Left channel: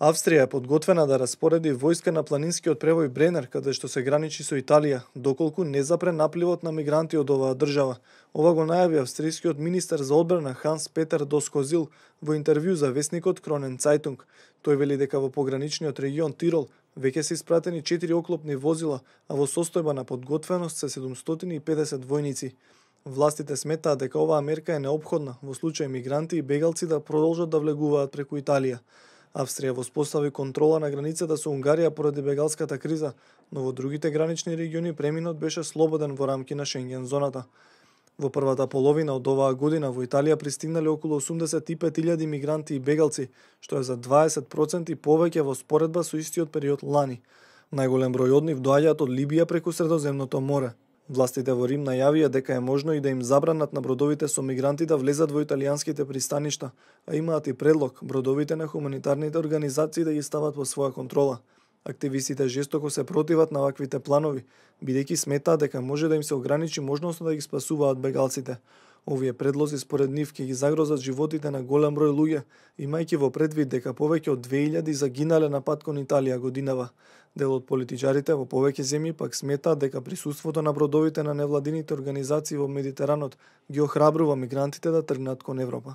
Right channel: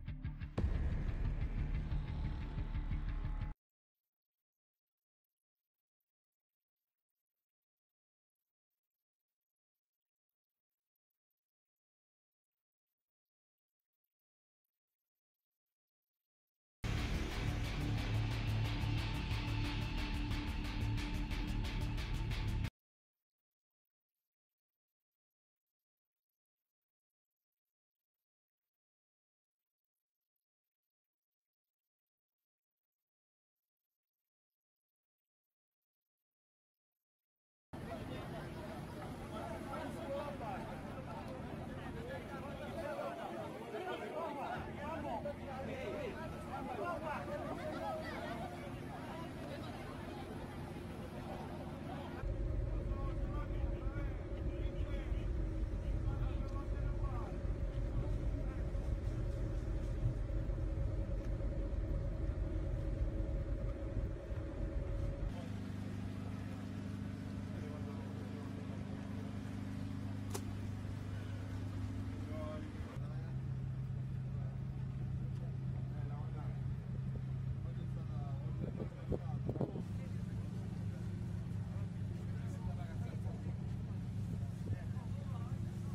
Австрија е подготвена да распореди војска на планинскиот превој Бренер, каде што се граничи со Италија, доколку не запре напливот на мигранти од оваа држава. Ова го најави австрискиот министер за одбрана Ханс Петер Доскозил во интервју за весникот Кронен Цајтунг. Тој вели дека во пограничниот регион Тирол веќе се испратени 4 оклопни возила, а во состојба на подготвеност се 750 војници. Властите сметаат дека оваа мерка е неопходна во случај мигранти и бегалци да продолжат да влегуваат преку Италија. Австрија воспостави контрола на границата со Унгарија поради бегалската криза, но во другите гранични региони преминот беше слободен во рамки на Шенген зоната. Во првата половина од оваа година во Италија пристигнале околу 85.000 мигранти и бегалци, што е за 20% повеќе во споредба со истиот период лани. Најголем број од нив доаѓаат од Либија преку Средоземното море. Властите во Рим најавија дека е можно и да им забранат на бродовите со мигранти да влезат во италијанските пристаништа, а имаат и предлог бродовите на хуманитарните организации да ги стават во своја контрола. Активистите жестоко се противат на ваквите планови, бидејќи сметаат дека може да им се ограничи можноста да ги спасуваат бегалците. Овие предлози според нив ќе ги загрозат животите на голем број луѓе, имајќи во предвид дека повеќе од 2000 загинале на пат кон Италија годинава. Дел од политичарите во повеќе земји пак сметаат дека присуството на бродовите на невладините организации во Медитеранот ги охрабрува мигрантите да тргнат кон Европа.